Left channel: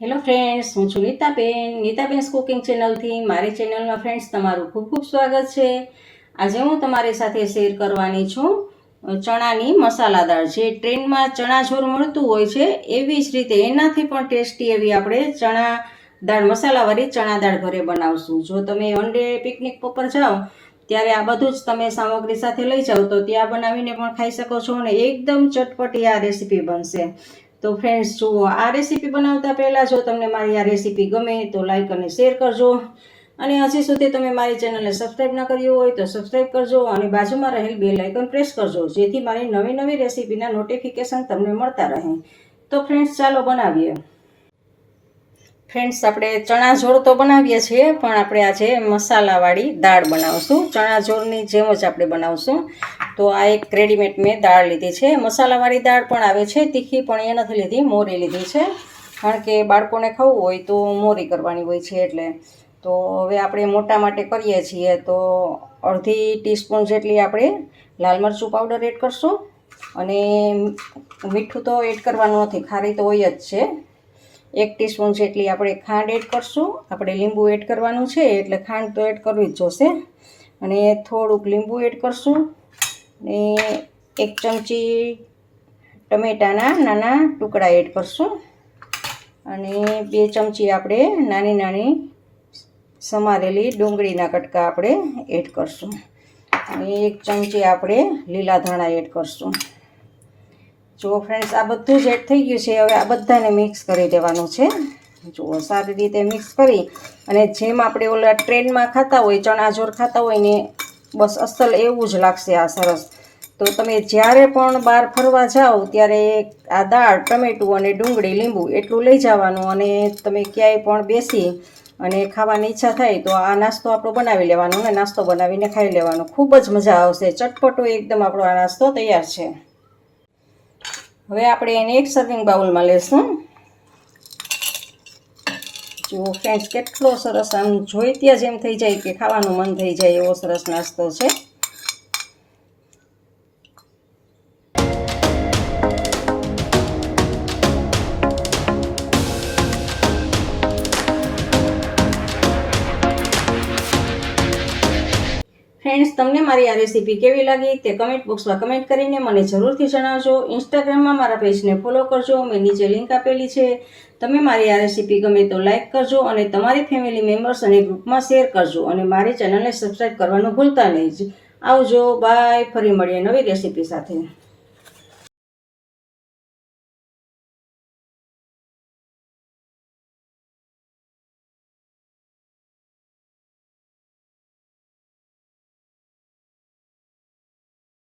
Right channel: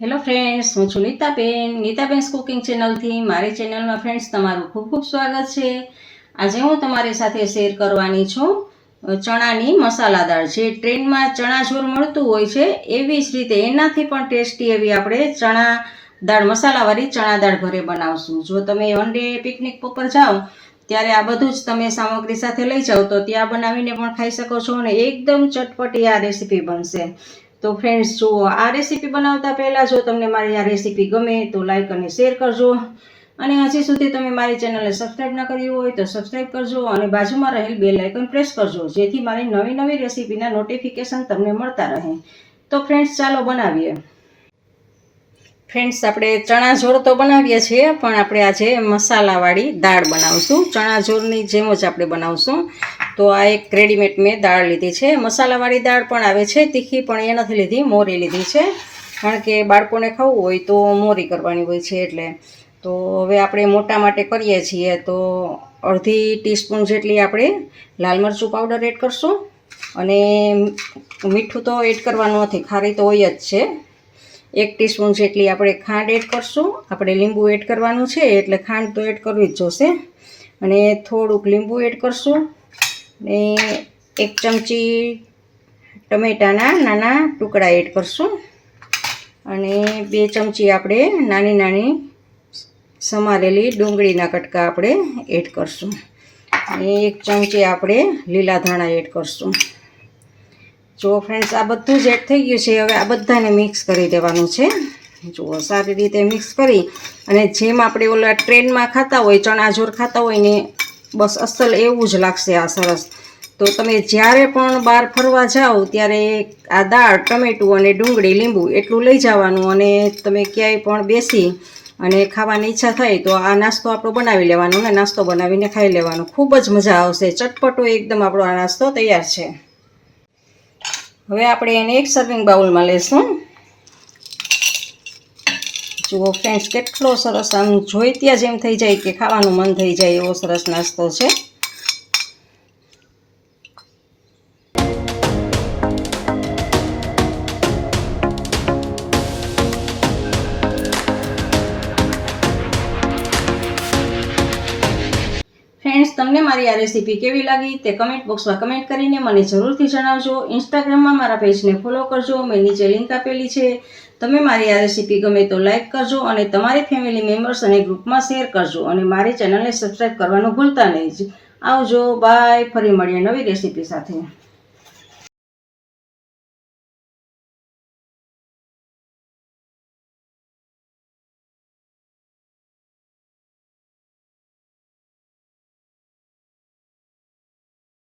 Hello friends, હું છું Nitaben cooking ચેનલથી. મારી ચેનલમાં ફ્રેન્ડ્સ તમારું ખૂબ ખૂબ સ્વાગત છે. આજે હું તમારી સાથે શેર કરવાની છું ચણાની મસાલા દાળ. જે ટ્રેન્ડમાં ચણાચોર મળતું હોય છે એવી જ રીતે એનાથી પણ ટેસ્ટી એવી આપણે ચણા દાળ મસાલાવાળી ચણા દાળ ઘરે બનાવશું. જો તમે વન ડે પિકનિક પર જાઓ ત્યારે આ બધું જ તમે સામગ્રી સાથે લઈ જાઓ તો ત્યાં બનાવીને પણ ખાઈ શકો છો અને એકદમ ચટપટી આ રેસીપી બનશે. તો ફ્રેન્ડ્સ, જુઓ, આ રેસીપી બનાવતા પહેલાં જો તમને મારી આ રેસીપી ગમે તો લાઈક અને શેર કરજો, અને હજી સુધી તમે મારી ચેનલને સબસ્ક્રાઈબ ના કર્યું હોય તો સબસ્ક્રાઈબ કરજો અને બાજુમાં રહેલ બેલ આઇકન પ્રેસ કરજો, જેથી મારી નવી નવી રેસીપીના નોટિફિકેશન તમને મળતા રહે. તો ફ્રેન્ડ્સ, ચાલો બનાવીએ. ફ્રેન્ડ્સ, આપણે ચણાજોળ તો બનાવીએ છીએ, પણ આપણે આજે મસાલાવાળી દાળ બનાવશું. ચણાજોળની જેમ જ આપણે બનાવશું. તો આ એક રેડીમેડ મેં દાળ લીધી છે. મસાલાવાળી દાળ પણ આવે છે તીખી, પણ એ નથી લીધી, મોરી લીધી છે, કારણ કે બાળકોને ખાવું હોય તો મોરી કરવાની હોય છે એટલે. તો હવે આપણે મોટા માટે કરીએ છીએ તો અડધી ટીસ્પૂન જેટલી આપણે લાલ મરચું પાવડર એડ કરશું, અને મીઠું તો એડ કરવાનું નથી, ખારી તો હોય જ છે. 1 ટીસ્પૂન જેટલી આપણે ખાંડ એડ કરશું. આપણે લીંબુ એડ કરવાનું છે એટલે ખાંડ તો એડ કરવી જ જોશે, અને થોડુંક લીંબુ એડ કરશું, ને 1 ચમચી ટમેટાના નાના ટુકડા એડ કરશું, અને 2 ચમચી આપણે નાની નાની સમારેલી ડુંગળીના કટકા આપણે એડ કરશું, અને 1 ચમચી આપણે લીલા ધાણા એડ કરશું. જુઓ ફ્રેન્ડ્સ, આ બધું જ એડ થઈ ગયું છે. હવે આ બધાને મિક્સ કરી દેવાનું છે. જુઓ, સારી રીતે મિક્સ કરી, અને જેમ આપણે ઓલા ટ્રેનમાં ખાતા હોય, ચણાજોર ખાતા હોય ને, બસ અસલ એવું જ લાગશે આ સરસ. તો તમે જ્યારે પણ બહાર ફરવા જાઓ ત્યારે આ દાળ, ટમેટું અને ડુંગળી, લીંબુ એટલું લઈ જવાનું, અને તમે ક્યાંય પણ બેસી અને ખાવાની ઈચ્છા થાય તો આ નાસ્તો આપણો બનાવી લેવાનો, ને નાસ્તો બનાવીને ખાઈ લેવાનો. ખૂબ જ મજા આવશે. ચટપટો એકદમ આપણો આ નાસ્તો તૈયાર છે. હવે આપણે એને એક સર્વિંગ બાઉલમાં લેશું. જુઓ ફ્રેન્ડ્સ, કેટલો સરસ, આમ જોઈ ત્યાં જ એમ થઈ જાય કે ખાવાનું મન થઈ જાય એવો સરસ નાસ્તો છે. ફ્રેન્ડ્સ, તમને મારી આ રેસીપી કેવી લાગી તે કમેન્ટ બોક્સમાં કમેન્ટ કરીને મને જરૂરથી જણાવજો. ઇન્સ્ટાગ્રામમાં મારા પેજને ફોલો કરજો, મેં નીચે લિંક આપેલી છે. તમે મારી આ રેસીપી ગમે તો લાઈક કરજો, અને તમારી ફેમિલી મેમ્બર્સ અને ગ્રુપમાં શેર કરજો, અને મારી ચેનલને સબસ્ક્રાઈબ કરવાનું ભૂલતા નહીં. આવજો, બાય. ફરી મળીએ નવી રેસીપી સાથે.